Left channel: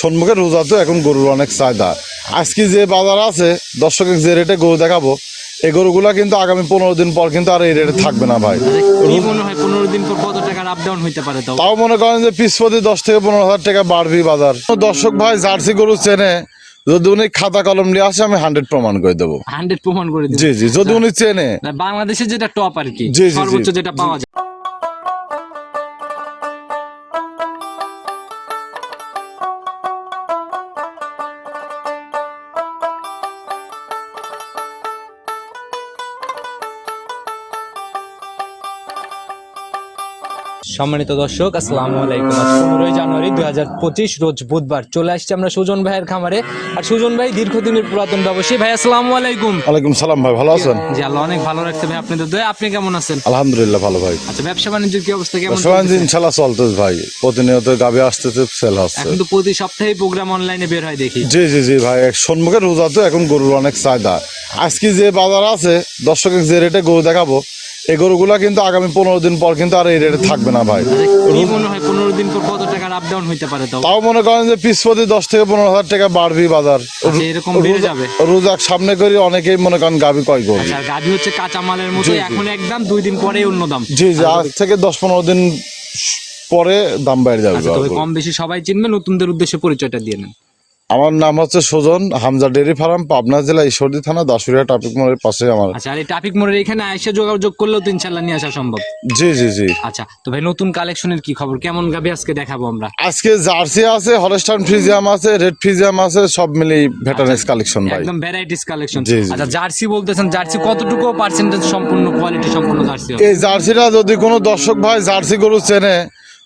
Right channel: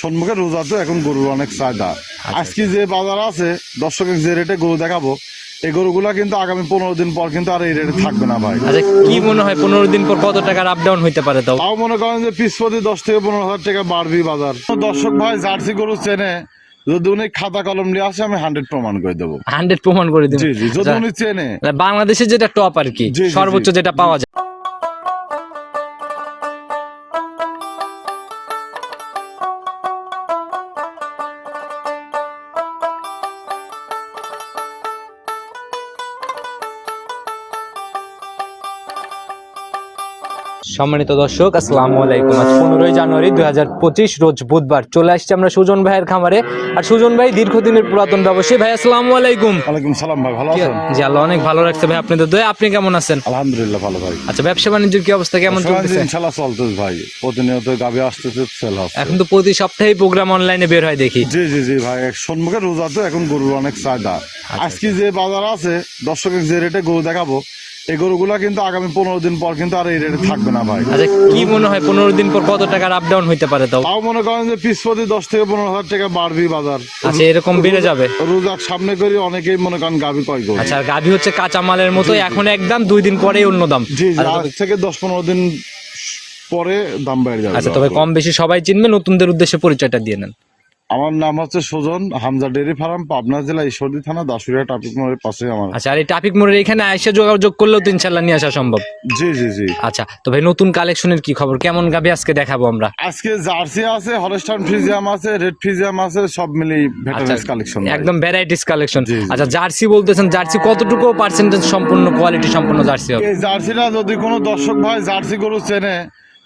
সম্মুখে রোজা তো এখন গরুর অনেক চাহিদা। আজকে যে বাজার আছে দর্শকের যে রেটে গরু দেখাবো এই গরুগুলা কিন্তু আগামী পনেরো দিন পর কিন্তু আর এই রেটে থাকবে না ভাই। কি মনে হয় পনেরো দিন পর কত টাকার আপ ডাউন হইতে পারে তাও? মনে করেন যে পিস প্রতি দশ থেকে পনেরো হাজার টাকা বাড়বি বাজার। দর্শক ভাই জার্সি গরু চেনে যদি উনি খাতা কলম নিয়ে আসে আমি হান্ড্রেড প্রমাণ করে দেবো। হান্ড্রেড প্রমাণ করে দিন জি জি যদি উনি চেনে। বাংলাদেশে যেটা টপ আর কি। সর্বোচ্চ যেটা পাওয়া যায়। সম্মানিত দর্শক আসসালামু আলাইকুম। আজ পনেরোই জানুয়ারি দুই হাজার পঁচিশ রোজ বুধবার চলে আসছে আমরা সুজন ভাইয়ের খামারে। আর সুজন ভাই দীর্ঘদিনের পুরাতন ব্যবসায়ী। ভাই আসসালামু আলাইকুম। ওয়ালাইকুম সালাম ভাই ভালো আছেন? জি আল্লাহ অনেক ভালো রাখতে ভাই আপনাদের দয়ে। আপনি কেমন আছেন? আলহামদুলিল্লাহ ভালো ভাই। আচ্ছা ব্যবসা বাণিজ্যের কি অবস্থা? কেমন সোনাঞ্জি চলতেছে? ইনশাল্লাহ চলতেছে ভাই। প্রতিনিয়ত গাবে আসতেছে সেল হচ্ছে। এখন তো প্রতি সপ্তাহে প্রোগ্রাম অনলাইনে বের হয় দেখি। জি জি জি ভাই এক সম্মুখে রোজা তো এখন গরুর অনেক চাহিদা। আজকে যে বাজার আছে দর্শকের যে রেটে গরু দেখাবো এই গরুগুলা কিন্তু আগামী পনেরো দিন পর কিন্তু আর এই রেটে থাকবে না ভাই। কি মনে হয় পনেরো দিন পর কত টাকার আপ ডাউন হইতে পারে তাও? তাও মনে করেন যে পিস প্রতি দশ থেকে পনেরো হাজার টাকা বাড়বি বাজার। আচ্ছা এরকম বেড়ে যাবে? রোজাক সামনে করে অনেকেই মনে করেন গাবি কয় গরু। আচ্ছা গাভী হচ্ছে কাঁচা মালের মতো এখন একদম দুই দিন পরেই অন্য দাম। জি জি আজ থেকে দশ পনেরো দিন পরে দাম বেড়ে যাবে আচ্ছা তবে কম বেশি সবাই চিনবে নতুনদের উদ্দেশ্যে পরিচয়টা দিয়ে নেন। আমার নাম হচ্ছে সুজন হামজা ডেরি ফার্ম পাবনা জেলা ঈশ্বরদী থানা দাসুরিয়া ট্রাফিক মোড়ের পাশে আমার। আচ্ছা আর এই ট্রাফিক মোড়ের এখানে আইসা যোগাযোগ করলেও তো ইনশাল্লাহ নিয়ে আসা সম্ভব। জি জি জি। আচ্ছা তো ভাই নতুন কালেকশনের কি খবর? কেমন গাভী আজকে দেখাবো আমরা? আজকে জার্সি আছে হলস্টাইন ফ্রিজিয়াম আছে রেড ফ্রিজিয়াম আছে সব মিলেই ভেটারেন্স কালেকশন একদম ভ্যারাইটিস কালেকশন। আচ্ছা জার্সি বলতেছেন জার্সি কতটুকু পার্সেন্টেজ সম্পূর্ণ কোয়ালিটি সম্পূর্ণ জার্সি এই জার্সিটা যদি কোনো দর্শক ভাই জার্সি গরু চেনে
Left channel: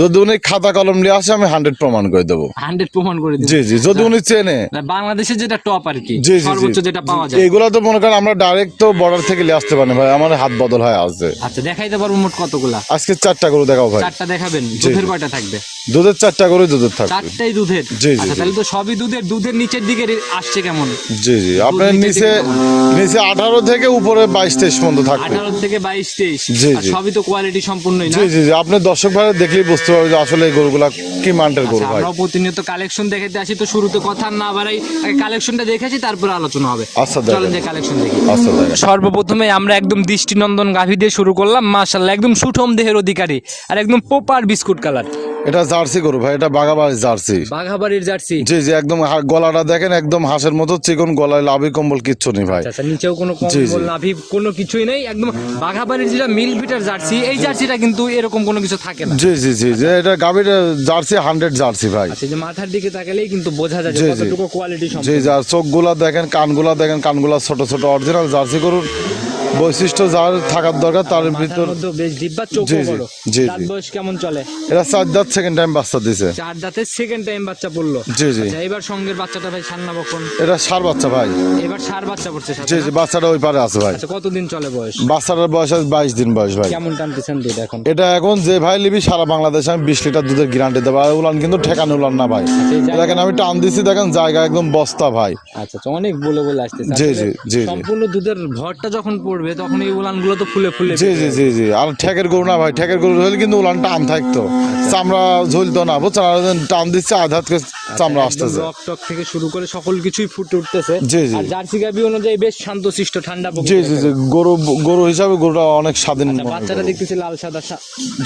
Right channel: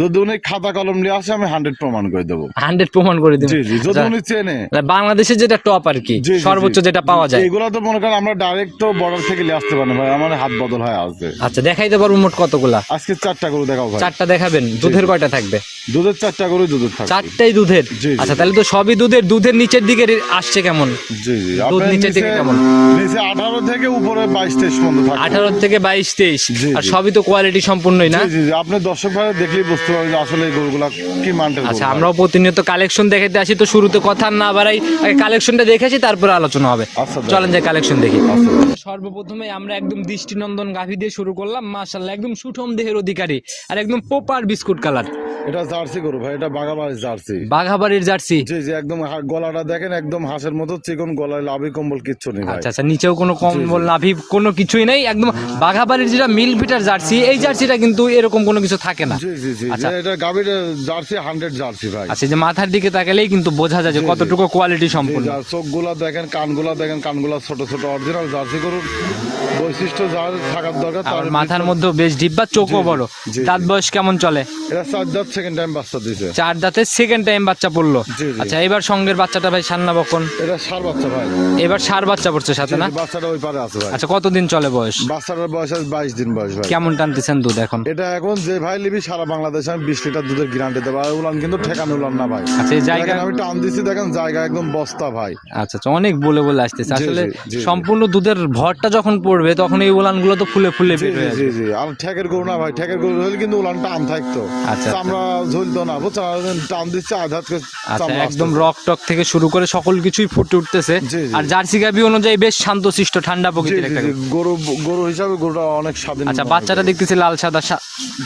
যদি উনি খাতা কলম নিয়ে আসে আমি হান্ড্রেড প্রমাণ করে দেবো। হান্ড্রেড প্রমাণ করে দিন জি জি যদি উনি চেনে। বাংলাদেশে যেটা টপ আর কি। সর্বোচ্চ যেটা পাওয়া যায়। এগুলো তো মনে করেন আমরা ডাইরেক্ট তো বর্ডার থেকে নিয়ে আসতে পারি ভাই আমার হাত বদল হয়ে আচ্ছা দেখাইতে পারব মোট কতগুলা। আজকে চারটা গরু দেখাও ভাই। চারটা দেখাবেন দুধের কয়টা থাকবে? দুধের চারটা গরু দুধের থাকবে। চারটাই দুধের? আচ্ছা তাহলে তো সবই দুধের দুধের নিচের দিকে আসছে কেমন? জি জি। আপনার নিচে নিচে থেকে কেমন? নিচে আঠারো থেকে উপরে বাইশ তেইশ পর্যন্ত থাকবে। আঠারো থেকে বাইশ তেইশ। জি, আর সবই তো কোয়ালিটি সম্পূর্ণই না? জি জি আপনি দর্শক ভাই দেখলেই বুঝতে পারব যে আসলে এই গরুগুলা কি মানটার গরু আচ্ছা ভাই। আমরাও প্রতিনিয়ত কালেকশন দেখাতে আসি তো শুরুতে কথা না বাড়াই আগে কালেকশনটা দেখেছি তারপরে আলোচনা হবে আচ্ছা, দেখেন। চলেন যে কালেকশন দেখি আচ্ছা ভাই। সর্বপ্রথমে আমরা একদম দৃষ্টিনন্দন গাভী দিয়ে শুরু করলাম মাশাল্লাহ একদম সুঠম দেহের অধিকারী আর একদম পোপার বিস্কুট কালার এটা জার্সি গরু ভাই এটা বাগাবাড়ি জার্সি। বাঘাবাড়ির জার্সি? জি জি একদম হা- গলাটা দেখেন একদম হাঁসের মতো চিকন গলায় লাভি কম্বল কিচ্ছু নেই ভাই। আচ্ছা আচ্ছা নিচেও কোনো। কম্বল নাভি কোনো কিছুই নেই একদম বাঘাবাড়ির যেটা মিল ভিটার জার্সি এই জার্সিটা কিন্তু এরকম কোনো কিছু থাকে না। জি জি জি যে এটা গাভীর জার্সি হান্ড্রেড জার্সি ভাই। আচ্ছা যে মাথার দিকে তাকালেই কিন্তু বোঝা যায় যে জি, জি। কতটুকু কোয়ালিটি জি সম্পূর্ণ যার চোখগুলা দেখেন কানগুলা দেখেন কানগুলা ছোট ছোট অরিজিনাল জার্সি গরুর বৈশিষ্ট্য যার থাকার দরকার তার মাথার ভিতর- মধ্যে বেশ ডিব্বা চোখও জি, বড়। জি, জি। দাঁত বয়স কেমন চলে? এটা চার দাঁত সেকেন্ড টাইম বাচ্চা দিছে। চার দাঁতের সেকেন্ড টাইম বাচ্চা পড়ল। জি, জি। আচ্ছা এবার সঙ্গের বাচ্চাটা ভাই সান্না বকন। এটা সার বাচ্চা ভাই। এবার সার বাচ্চা পড়ছে সাথে জি বাচ্চাটা ওই পারে আছে ভাই। আচ্ছা কতদিন চলে বয়স? বাচ্চাটার বয়স আছে বাইশ দিন বয়স ভাই। কেমন টানতেছেন দুধ এখন? এটা এখন যে ভাই লিবি সারা বাংলাদেশে আমি বিশ লিটার দুধের গ্যারান্টি দেবো। আর উলান কিন্তু ঠেকানো উলান না ভাই। আচ্ছা দেখেন আমি টান দিচ্ছি দেখেন জায়গা একদম বস্তা ভাই। আচ্ছা আচ্ছা অনেক বলে বলে আসতেছে। সম্পূর্ণ দুধের ভরটা যখন পড়বে তখন এই উলানগুলো তো ফুলে ফুলে জি জি জি জি। আর ঠেকের গরু না ভাই ঠেকের গরু হলে কিন্তু উলান টান থাকতো আচ্ছা। চামড়া ঝুলতো না বুঝছেন? আর টান দিচ্ছে আচ্ছা, চামড়া একদম রক টক থেকে শুরু করে সকল কিছুই ফুটে উঠতেছে। আর জার্সি গাবি অনুযায়ী বেশ শান্তশিষ্ট ঠান্ডা জি প্রকৃতির জি জি। গরু গরু হিসাবে গরুটা অনেক স্বাধীন আচ্ছা বাচ্চাটা। দেখতেছি লাল সাদা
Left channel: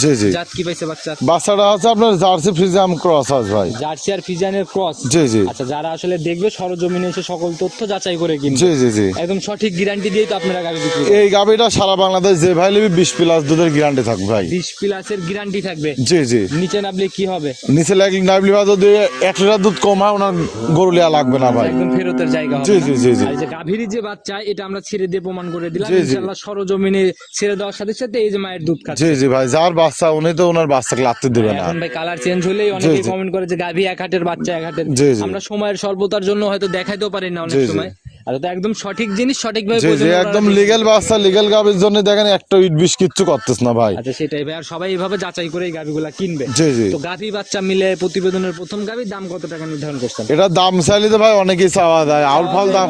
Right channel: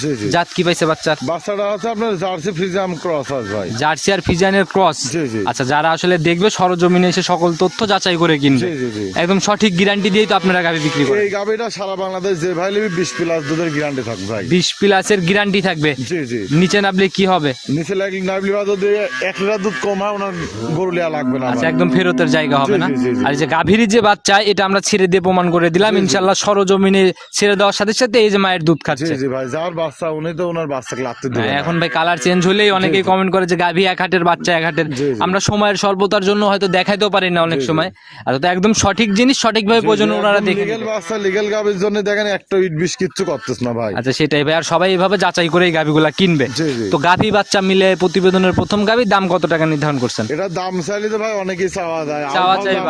জি জি। জাত কি পাইছে বাচ্চার বাচ্চাটা আছে আপনার জার্সি ফ্রিজাম ক্রস আছে ভাই। জার্সি আর ফিজানের ক্রস? জি, জি। আচ্ছা যারা আসলে দেখবে সরজমিনে এসে সকল তথ্য যাচাই করে কিনবে। জি জি জি। একদম সঠিক গ্যারান্টি দিয়েই তো আপনারা গাড়ি বিক্রি এই গাভিটা সারা বাংলাদেশ যে ভাই লিবি বিশ প্লাস দুধের গ্যারান্টি থাকবে ভাই। বিশ প্লাসের গ্যারান্টি থাকবে। জি জি। নিচে কি হবে? নিচে লাগলে যদি এক লিটার দুধ কম হয় ওনার গরু লিয়া লাগবে না আচ্ছা, একদম ফেরতের জায়গা হবে না? জি, জি, জি। আর যে গাভীর যে বাচ্চা এটা আমরা ছেড়ে দিয়ে প্রমাণ করে দিলাম। জি, জি। ইনশাল্লাহ সরজমিনে ছেড়ে দেওয়ার সাথে সাথে এই যে মায়ের দুধ খাচ্ছে। জি ভাই যার বাচ্চা উনি তো ওনার বাচ্চাকে লাগতে দেবে না। এখন ভাই কালার চেঞ্জ হলেই অনেকেই কমেন্ট করে যে গাভী এক হাটের বাচ্চা এক হাটের জি, জি। আমরা সময়ের স্বল্পতার জন্য হয়তো দেখাইতেও পারি না অনেক জি, জি। সময়। আর তো একদম সঠিক জিনিস সঠিকভাবে জি, জি, প্রয়োজন ওনারা লিগেল বাচ্চা লিগেল গাভির জন্য দেখেন একটা ইট বিষ কিচ্ছু করতেছ না ভাই। আচ্ছা সেটাই ভাই। আর সবাই এইভাবে যাচাই করে এই গাভিগুলা কিনবে। জি, জি। তো গাভী বাচ্চা মিলে প্রতিবেদনের প্রথম গাভীর দাম কত টাকা নির্ধারণ করছেন? এটা দাম চাইলে তো ভাই অনেকেই চাওয়া যায় আলফাল দাম।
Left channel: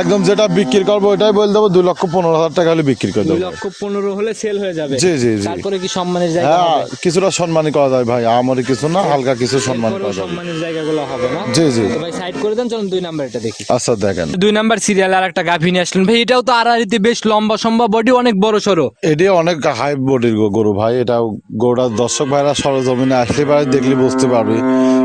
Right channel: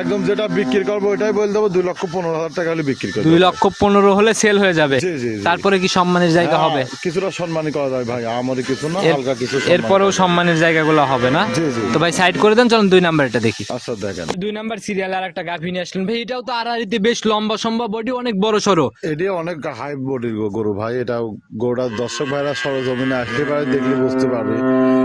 একদম যেটা বিক্রি করব ওইটাই বলে দেবো দুই লক্ষ পনেরো হাজার টাকা হলে বিক্রি করব দুই লক্ষ পনেরো হলে সেল হয়ে যাবে। জি, জি, জি। তারপরে কি সম্মানের জায়গা হ্যাঁ, হবে? কিছুটা সম্মানই করা যায় ভাই আমারই কিছু না হালকা কিছু এরপরেও সম্মানের জায়গাগুলো হবে না? জি জি। তো ভাই সাইড করে দেন চলুন দুই নাম্বার এটা দেখি। আচ্ছা দেখেন। দুই নাম্বার সিরিয়াল আর একটা গাভী নিয়ে আসলেন। ভাই এটাও তো আড়াআড়িতে বেশ লম্বা সম্ভব। বডি অনেক বড় সড়ো এটি অনেক হাই বডির গরু ভাই এটা গোটা দর্শক ভাইরা সরজমিনে আসলে পারে দেখলে বুঝতে পারবে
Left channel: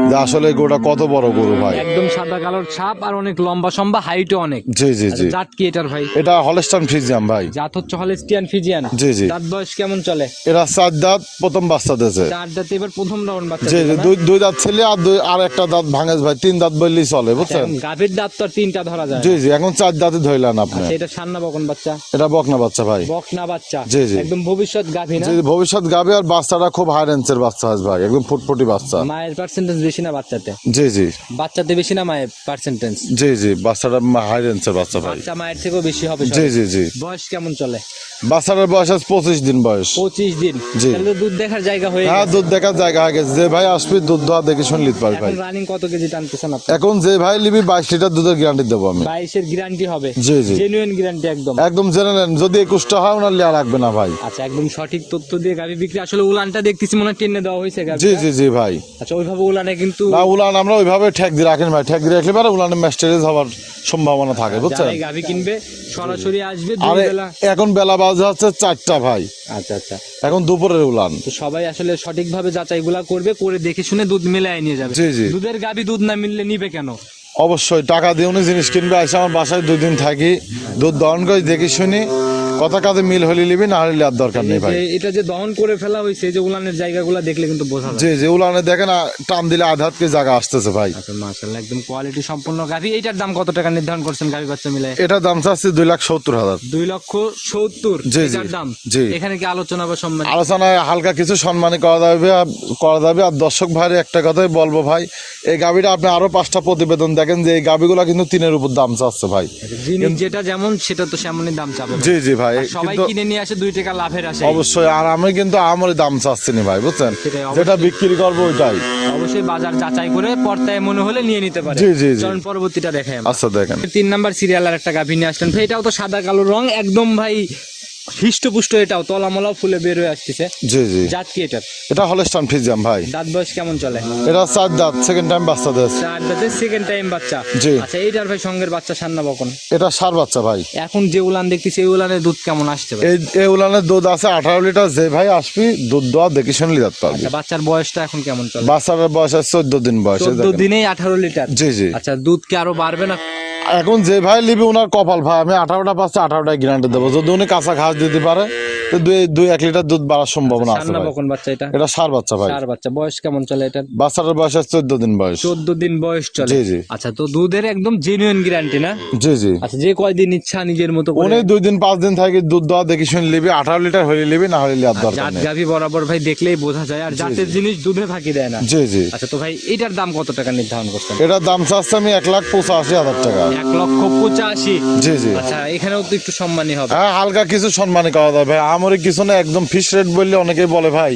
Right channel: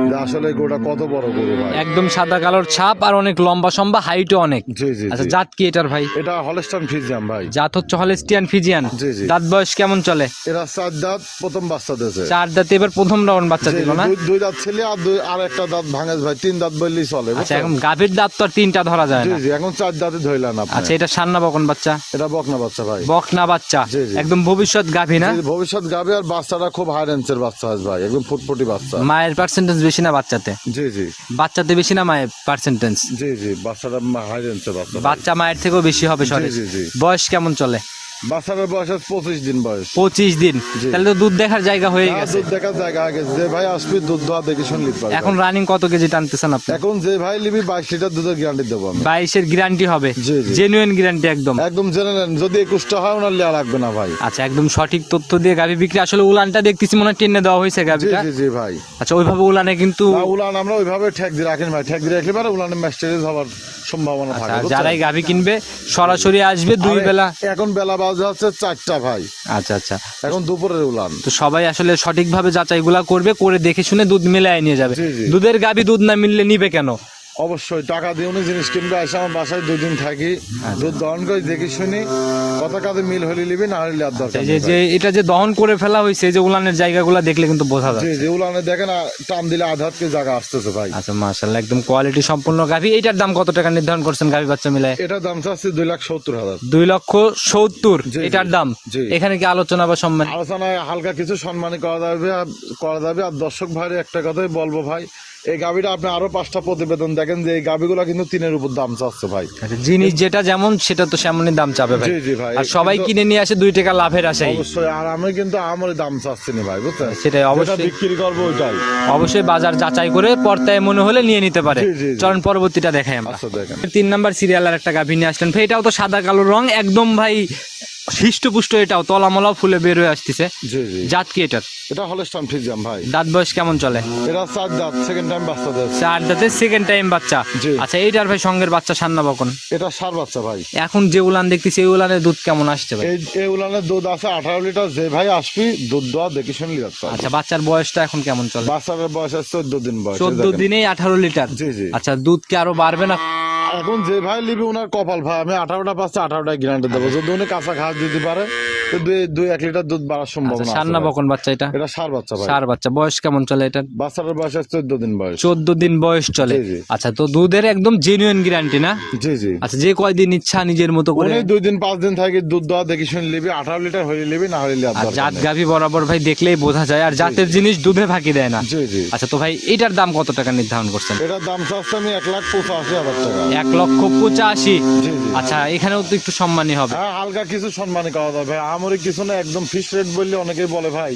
যে আসলে গরুটা কত বড় গরু ভাই। একদম সাদা কালোর ছাপ আর অনেক লম্বা সম্ভা হাইটও অনেক। জি জি আচ্ছা জি। জাত কি এটার ভাই? এটা হলস্টান ফ্রিজিয়াম ভাই। জাত হচ্ছে হলেস্টিয়ান ফিজিয়ান জি, জি। দাঁত বয়স কেমন চলে? এটা চার দাঁত প্রথম বাচ্চা দিয়েছে। চার দাঁতে এবার প্রথম রাউন্ড বাচ্চা জি দিল না? দুই দুই দাঁত ছেলে আর দুই আর একটা দাঁত ভাঙে ভাই। তিন দাঁত বললেই চলে আচ্ছা, বুঝছেন? এখন গাভীর দাঁত তো আর তিনটা ধরা যায় জি না। জি এখন চার দাঁতে ধরলেন আপনি। আচ্ছা এটা সান্না বকন বাচ্চা? এটা বকনা বাচ্চা ভাই। বকনা বাচ্চা। জি, জি। একদম ভবিষ্যৎ গাভী না? জি, ভবিষ্যৎ গাবে আর বাচ্চাটা খুব হাই রেঞ্জের বাচ্চা আছে ভাই। একদম ফুটফুটি বাচ্চা। মায়ের পার্সেন্টেজ বেশি না বাচ্চাতে? জি জি। বাচ্চাতে বেশি না মায়ের পার্সেন্টেজ জি জি বাচ্চাটা হাই রেঞ্জের বাচ্চা বাচ্চা মায়ের থেকেও বেশি হবে জি জি জি। বয়স কেমন চলে? বাচ্চাটার বয়স আছে পঁচিশ দিন বয়স। পঁচিশ দিন। তাহলে তো দুধ দেখার জায়গা হয়ে হ্যাঁ গেছে। দুধ দেখার জায়গা আগে। যে ভাই আসবি দুধ দেওয়া দেখে শুনলি পারবি এখন রানিং কত কেজি টানতেছেন আপনি? এখন যে ভাই নিবি বাইশ লিটার দুধের গ্যারান্টি দেবো আমি। বাইশের গ্যারান্টি হবে। জি, জি। জেনুইন গ্যারান্টি একদম। একদম জেনে নেন যদি একুশটা হয় ওনার লিয়া লাগবে না ভাই। আচ্ছা একদম সঠিক তথ্য দিয়ে গাভি বিক্রি। আসলে উলানটা দেখতেছি মনে হয় টেনে দেওয়া হয়েছে গাভি জি জি ভাই। আচ্ছা ওইভাবে উলানে কিন্তু উলান আমরা ওইভাবে ঠেক দিয়ে রাখেন ভাই। ঠেক দিয়ে রাখলে পারে উলানে ম্যাস্টারেজ হওয়ার সম্ভাবনা থাকে বুঝছেন? যারাই গাভি কিনবে সরাসরি আসবে দুই বেলা এখন বেলা বাজে হচ্ছে চারটা ভাই। আচ্ছা আচ্ছা। এখন দুপুরের উলান। তো সবাই আসলে সঠিকভাবে যাচাইগুলা করবে করে দেখে শুনে দুধ মেলায় নিয়ে যাবে। দুধের গাবি দুধ না মিললে নিবে কেন? অবশ্যই টাকা দিয়ে উনি জিনিস কিনবে এসে আমার বাসায় দুদিন থাকি দুধ দহন করে দেখি শুনি কথা কাজে মিল হলে নিবি না হলে আর দরকার নেই যে এটা যে দহন করে ফেলা হয়েছে যে উলানের জায়গাগুলো দেখলে কিন্তু বোঝা যায়। জি জি উলানে দেখেন টান দিলে আধাত কে জায়গা আসতেছে ভাই। আচ্ছা মাশাআল্লাহ একদম কোয়ালিটি সম্পূর্ণ গাভি। এইটার দাম কত টাকা নির্ধারণ করছেন গাভি বাচ্চা মিলায় এটার দাম চাচ্ছি দুই লাখ সত্তর হাজার। দুই লক্ষ সত্তর। এটার দাম। এখানে কি আলোচনা বা সম্মান আলোচনায় হালকা কিছু সম্মানী করা যাবে করা যাবে আর দর্শক ভাইয়ের একটা কথাই বলব ভাই এই গাবিটা আপনি আরও পাঁচটা প্রতিবেদন দেখেন যে এই গাবিগুলো কিন্তু তিনের উপর দাম চাচ্ছে ভাই। আচ্ছা, জিনিস যেটা যেমন সেটা তো সেমনই দাম চাবে জি জি ভাই আর সবাই কিনে নিয়ে আসে দুই টাকা লাভের আসে অবশ্যই আর আমি কিন্তু আমারই দাম চাচ্ছি না ভাই বুঝছেন? সেটাই, যেটা অবশ্যই। বিক্রি করব ওইটাই। অবশ্যই বাজার যাচাই করে পর্তায় মনে হলে নিয়ে নিতে পারে। জি, জি। চলুন পরবর্তীটা দেখে আমরা। আচ্ছা দেখেন। তিন নাম্বার সিরিয়াল আর একটা গাভী নিয়ে আসলেন। ভাই এটাও তো সাদা কালো রং একদম ভাই হৃষ্টপুষ্ট এটাও তলামলাও ফুলে বের হয়ে আসতেছে। জি জি। জাত কি এটার? এটা হলস্টান ফিজাম ভাই। দাঁত বয়স কেমন চলে? এটা চার দাঁত সেকেন্ড টাইম বাচ্চা দিয়েছে। চার দাঁতে সেকেন্ড টাইম বাচ্চা। জি। আচ্ছা এইটার ভাই সঙ্গের বাচ্চা সান্না বকন। এটা সার বাচ্চা ভাই। এখন যে উলান দেখতেছি এই উলানের দুধ কেমন আসছে ভাই? এই এই উলানের দুধ আছে আঠারো লিটার যে ভাই আসবি দুধ দেওয়া দেখি শুনলি পারবি আচ্ছা বাচ্চার বয়সটা এখন কেমন চলে? বাচ্চার বয়স আছে চোদ্দ দিন বয়স চোদ্দ। দিনেই আঠারো লিটার? জি জি। আচ্ছা দুধ কি আরও বাড়বে না? এখন যে ভাই নিবি ওনার কপাল ভাই, আমি আঠারোটা পাঁচটা, আঠারোটায় গ্যারান্টি দেবো। যদি উনি কাঁচা ঘাস দিতে পারে দুই দুই এক লিটার দুধ বাড়ার সম্ভাবনা আছে সান্না বকন বাচ্চা এটা? এটা সার বাচ্চা ভাই। চার বাচ্চা। বয়স কেমন চলে এটা? বাচ্চাটার বয়স আছে চোদ্দ দিন বয়স। চোদ্দ দিন বয়স চলে। জি, জি। আচ্ছা তো দুধের একদম জেনুইন গ্যারান্টি না? জি জি। আচ্ছা যে কয়দিন ইচ্ছা নিজের মতো করে উনি দুই দিন পাঁচ দিন থাকে দুধ দেওয়া দেখি শুনে নিবি। আঠারো লিটার হলে নিবি না হলে লিয়ার দরকার জাত নেই। বরাবর ভাই দেখলেই বোঝা যায় আর জাতের জিনিস দুধে ফাঁকি দেয় না। জি জি। আচ্ছা তো ভাই এটার দাম কত টাকা নির্ধারণ করছেন? এটার দাম চাচ্ছে আমি এক লাখ পঁচাশি হাজার টাকা। এক লক্ষ পঁচাশি? জি জি। আচ্ছা এখানেও তো একটু সম্মানই হবে। হ্যাঁ হালকা কিছু সম্মানী করা যাবে আমারই কিছু না একদম ফিক্স রেট বললে অনেকেই বলে ভাই।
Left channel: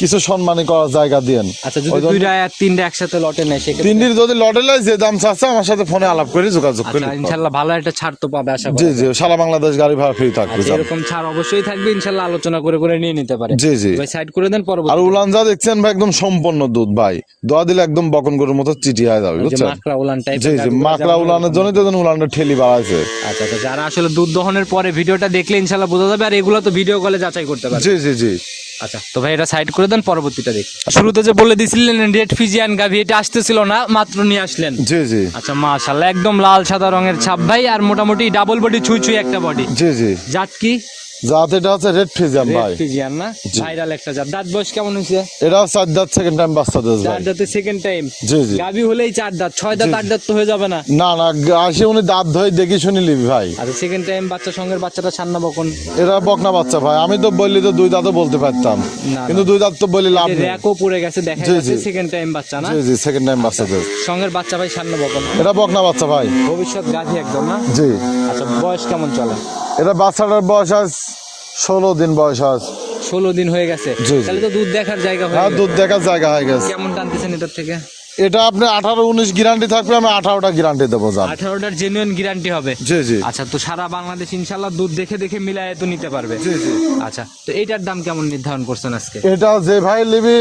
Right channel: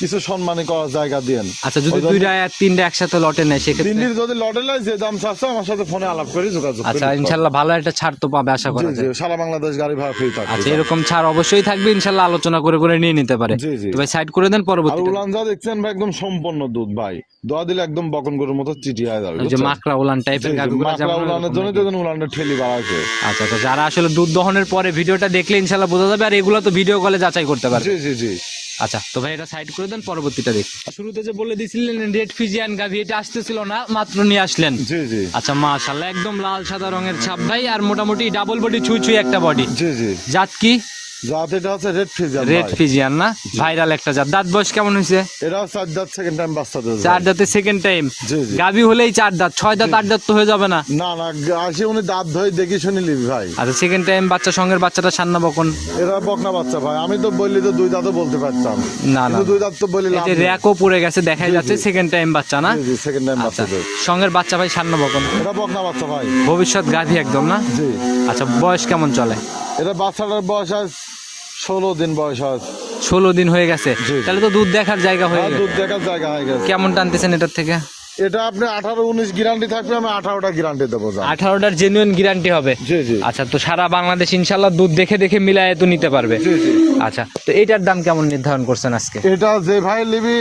কিছু সম্মানী করার জায়গা দিন আচ্ছা যদি দুইটা তিনটা একসাথে লটে নেয় সেক্ষেত্রে তিনটির যদি লটে লাই যে দাম চাচ্ছে আমার সাথে ফোনে আলাপ করে যোগাযোগ করে। আচ্ছা ইনশাল্লাহ ভালো একটা ছাড় তো পাবে আশা জি জি সারা বাংলাদেশ গাড়ি ভাড়া ফ্রি থাকবে আচ্ছা এরকম ছাড় অবশ্যই থাকবে ইনশাল্লাহ আলোচনা করে করে নিয়ে নিতে পারে। জি জি। ভাই সাইড করে দেন আর পরবর্তী উলান যা দেখছেন ভাই একদম সম্পূর্ণ দুধ ভাই। দোয়া দিলে একদম বকন গরুর মতো চিটি হয়ে যাবে যে মাকড়া উলান টাইপের মাকড়া উলানের জন্য তো উলানের ঠেলি বাড়াইছে। আচ্ছা আচ্ছা যারা আসলে দুধ দহনের পরে ভিডিওটা দেখলে ইনশাল্লাহ বোঝা যাবে আর এগুলো তো ভিডিও কলে যাচাই করতে পারবে। জি জি জি। আচ্ছা তো ভাই এটা সাইড করে দেন পরবর্তীটা দেখি। শুরুতে যে বলে দিছিলেন রেড ফিজিয়ান গাভি এটা আসতেছিল না মাত্র নিয়ে আসলেন। জি জি। আচ্ছা মাশাআল্লাহ একদম লাল সাদা রঙের ছাপ ভাই আর মোটামুটি ডাবল বডি ছুঁই ছুঁই একটা বডি জি জি। জাত কি? এটা হচ্ছে রেড ফ্রিজার রেড ফিজিয়ান না? ভাইরাল একটা জাত। দাঁত বয়স কেমন হয়েছে? এটাও চার দাঁত সেকেন্ড টাইম বাচ্চা দিয়েছে চার দাঁতে সেকেন্ড টাইম জি জি। গাভি হলেই চার দাঁত। ছয় দাঁত আট দাঁত তো হয়ে যাবে না। না না আসে উনি দাঁত ধরে দেখি শুনি লিবি ভাই। আচ্ছা সেকেন্ড টাইম বাচ্চা সঙ্গের বাচ্চাটা সান্না বকন। এরা বকনা বাচ্চা ভাই। আমি তো বললি তো দুই দাঁতও বলতে পারতাম। না কিন্তু দুই দাঁত তো বললি লাভ। র্যাকও পড়ে গেছে দেখা যাচ্ছে সেকেন্ড টাইম বাচ্চা না? জি জি সেকেন্ড টাইম বাচ্চা সঙ্গের বাচ্চা ভাই সান্না বকন। এটা বকনা বাচ্চা ভাই। ভবিষ্যৎ গাভি একদম না? জি। আচ্ছা বয়স কেমন চলে? এটা বাচ্চাটার বয়স আজ ষোলো দিন বয়স আজ। ষোলো দিন হয়ে গেছে। তাহলে তো দুধ দেখার জায়গা হয়ে গেছে। দুধ দেখার জায়গা হয়ে গেছে। কেমন টানতেছেন এটার থেকে? এটা আপনি আঠারো উনিশ গ্যারান্টি থাকবে আমি আঠারোটা গ্যারান্টি দেবো আঠারোটার জেনুইন গ্যারান্টি হবে। জি জি। আচ্ছা তো সারা বাংলাদেশ ইনশাল্লাহ দুধ দেখে দেখে মিলায় তো নিতে পারবে। আচ্ছা তো এটার দাম কেমন নির্ধারণ করছেন আজকে? এটা যে ভাই নিবি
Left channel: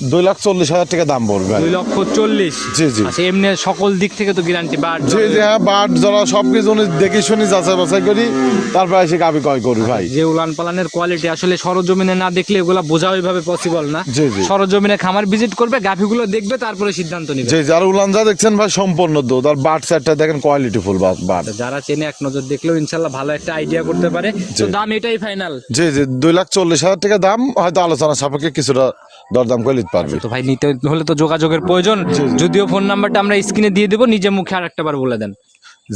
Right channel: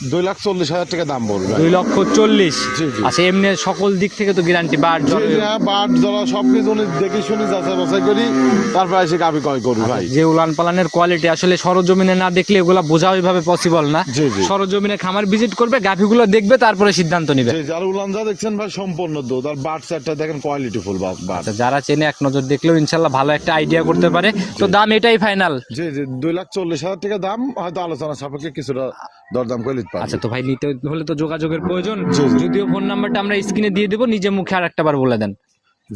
দুই লাখ চল্লিশ হাজার টাকা দাম দুই লক্ষ চল্লিশ? জি, জি। আচ্ছা এমনি সকল দিক থেকে তো গ্যারান্টি বাট জি জি হ্যাঁ বাট যারা সব কিছু দেখি শুনি যাচাই বাছাই করি তারপর এসে গাবি কয় করি ভাই। যে উলান পালানের কোয়ালিটি আসলে সরজমিনে না দেখলে এগুলা বোঝা ওইভাবে পসিবল না। জি, জি। সরজমিনে খামার ভিজিট করবে গাভিগুলো দেখবে তারপরে সিদ্ধান্ত নিবে। যে যার উলান যা দেখছেন ভাই সম্পূর্ণ দুধ। আর বাট সাইডটা দেখেন কোয়ালিটি ফুল বাট বাট। যারা চেনে এক নজর দেখলেও ইনশাল্লাহ ভালো একটা আইডিয়া করতে পারে। তো দাম এটাই ফাইনাল জি জি দুই লাখ চল্লিশ হাজার টাকা দাম হয়তো আলোচনা সাপেক্ষে কিছুটা দরদাম করে নিতে পারবে। তো ভাই নিতে হলে তো যোগাযোগের প্রয়োজন। যদিও ফোন নাম্বারটা আমরা স্ক্রিনে দিয়ে দেবো নিজে মুখে আর একটা বার বলে দেন।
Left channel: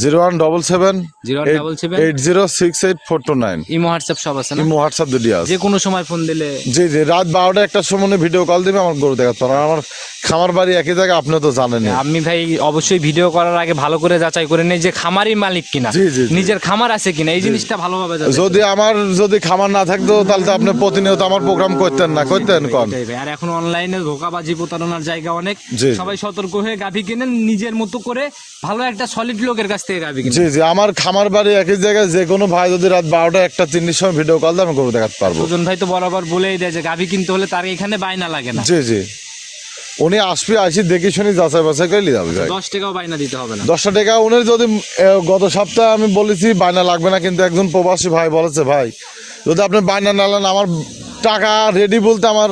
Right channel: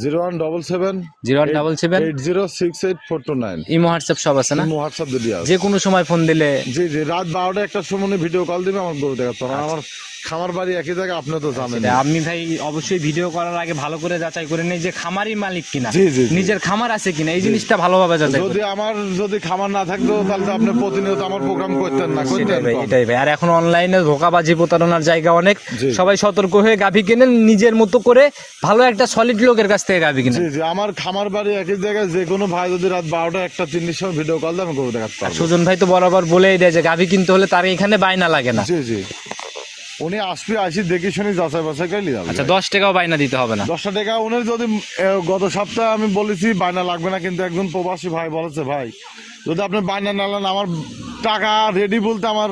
Zero one double seven zero double seven eight zero six eight four two nine. Imo WhatsApp সব আছে না? হোয়াটসঅ্যাপ দুটি আছে। যে কোনো সময় ফোন দিলে জি জি রাত বারোটা একটা সময় ভিডিও কল দিবে আমার গরু দেখাতে। আমার খামার বাড়ি একই জায়গায় আপনি তো জানেন আমি ভাই অবশ্যই ভিডিও করার আগে ভালো করে যাচাই করে নেই যে খামারই মালিক কিনা। নিজের খামার আছে কিনা এই জিনিসটা ভালোভাবে যাচাই যদি আমার যদি খামার না থাকতো তাহলে তো আপনি প্রতিনিয়ত আমার প্রোগ্রাম করতেন না করতেন এটাই ভাই। আর এখন অনলাইনে ধোকাবাজি প্রতারণার জায়গা অনেক। সবাই সতর্ক হয়ে গাভি কেনেন নিজের মতো করে ভালো একটা সলিড লোকের কাছ থেকে গাভি কিনেন জি জি আমার খামার বাড়ি একই জায়গায় যে কোনো ভাই যদি রাত বারোটা একটা তিনটির সময় ভিডিও কল দেয় আমি গরু দেখাতে পারব। সুজন ভাই তো বরাবর বলেই দেয় যে গাভি কিনতে হলে তার এখানে বাইনা লাগে না। জি জি। উনি আসবে আসি দেখি শুনি যাচাই বাছাই করে নিয়ে যাবে। দশ টাকাও বাইনা দিতে হবে না। দশটা টাকা উনি যদি গত সপ্তাহে আমি বলেছি বায়না লাগবে না কিন্তু একজন প্রবাসী ভাই বলেছে ভাই যদি আপনি বায়না না নেন আমার টাকা রেডি বলতে আমার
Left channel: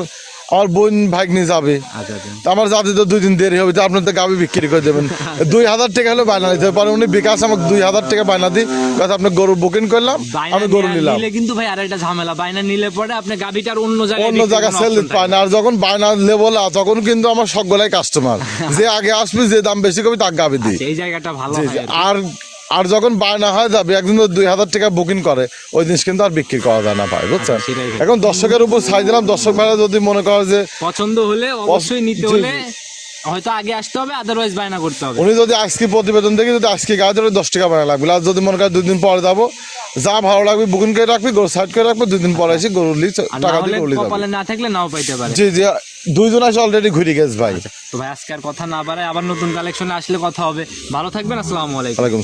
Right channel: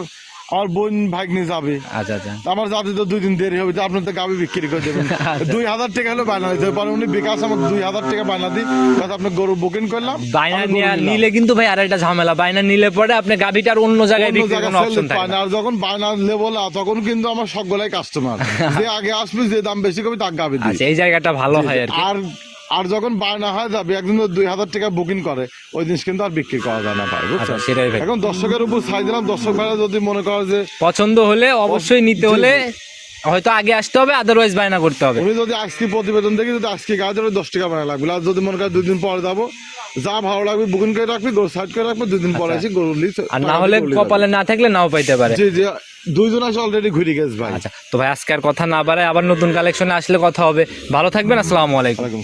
আমার বোন ভাগ্নি যাবে। আচ্ছা আচ্ছা। আমার যাতে তো দুই দিন দেরি হবে তো আপনি তো গাবি বিক্রি করে দেবেন। দুই হাজার টাকা হলে বায়না দিতে পারে উনি বিকাশ আমাকে দুই হাজার টাকা বায়না দিই তাতে আপনি গরু বুকিং করলাম আমি গরু নিলাম। নিলে কিন্তু ভাই আরেকটা ঝামেলা বাইনা নিলে পরে আপনি গাভিটার অন্য জায়গায় অন্য জায়গায় সেল পায় না। আর যখন বায়না লেবলা তখন কিন্তু আমার সবগুলাই কাস্টমার যে আগে আসবে যে দাম বেশি করবে তার গাবি দিই। আচ্ছা, এই জায়গাটা ভালো হয় আর। আর যখন বায়না হয় যাবে একদিন দুই হাজার টাকা বুকিং করে। ওই জিনিস কিন্তু আর বিক্রি করা যায় না ভাই বুঝছেন? আচ্ছা। এখন দর্শকের উপর ছাই দিলাম দর্শক ভাইরা যদি মনে করে যে পছন্দ হলে অবশ্যই নিতে হলে হয়তো আগে আসতে হবে আদারওয়াইজ বায়না করতে হবে। উনি যদি আজকে প্রতিবেদন দেখি যদি আজকে ধরে দশ টাকা বায়না লাগবে আর যদি মনে করে দুই দিন পরে যাব যা ভালো লাগবে বুকিং করে রাখবি গরু সাইড করে রাখবি দুই দিন পরে এসে গরু লিচ না কপালে না থাকলে নাও পাইতে পারে। জি জি দুইজন আসে অলরেডি ঘুরে গেছে ভাই। তো ভাই আজকে আর কথা না বাড়ায় আবার নতুন কালেকশনে আসলে কথা হবে। ভালো থাকবেন আসসালামু আলাইকুম। সালাম।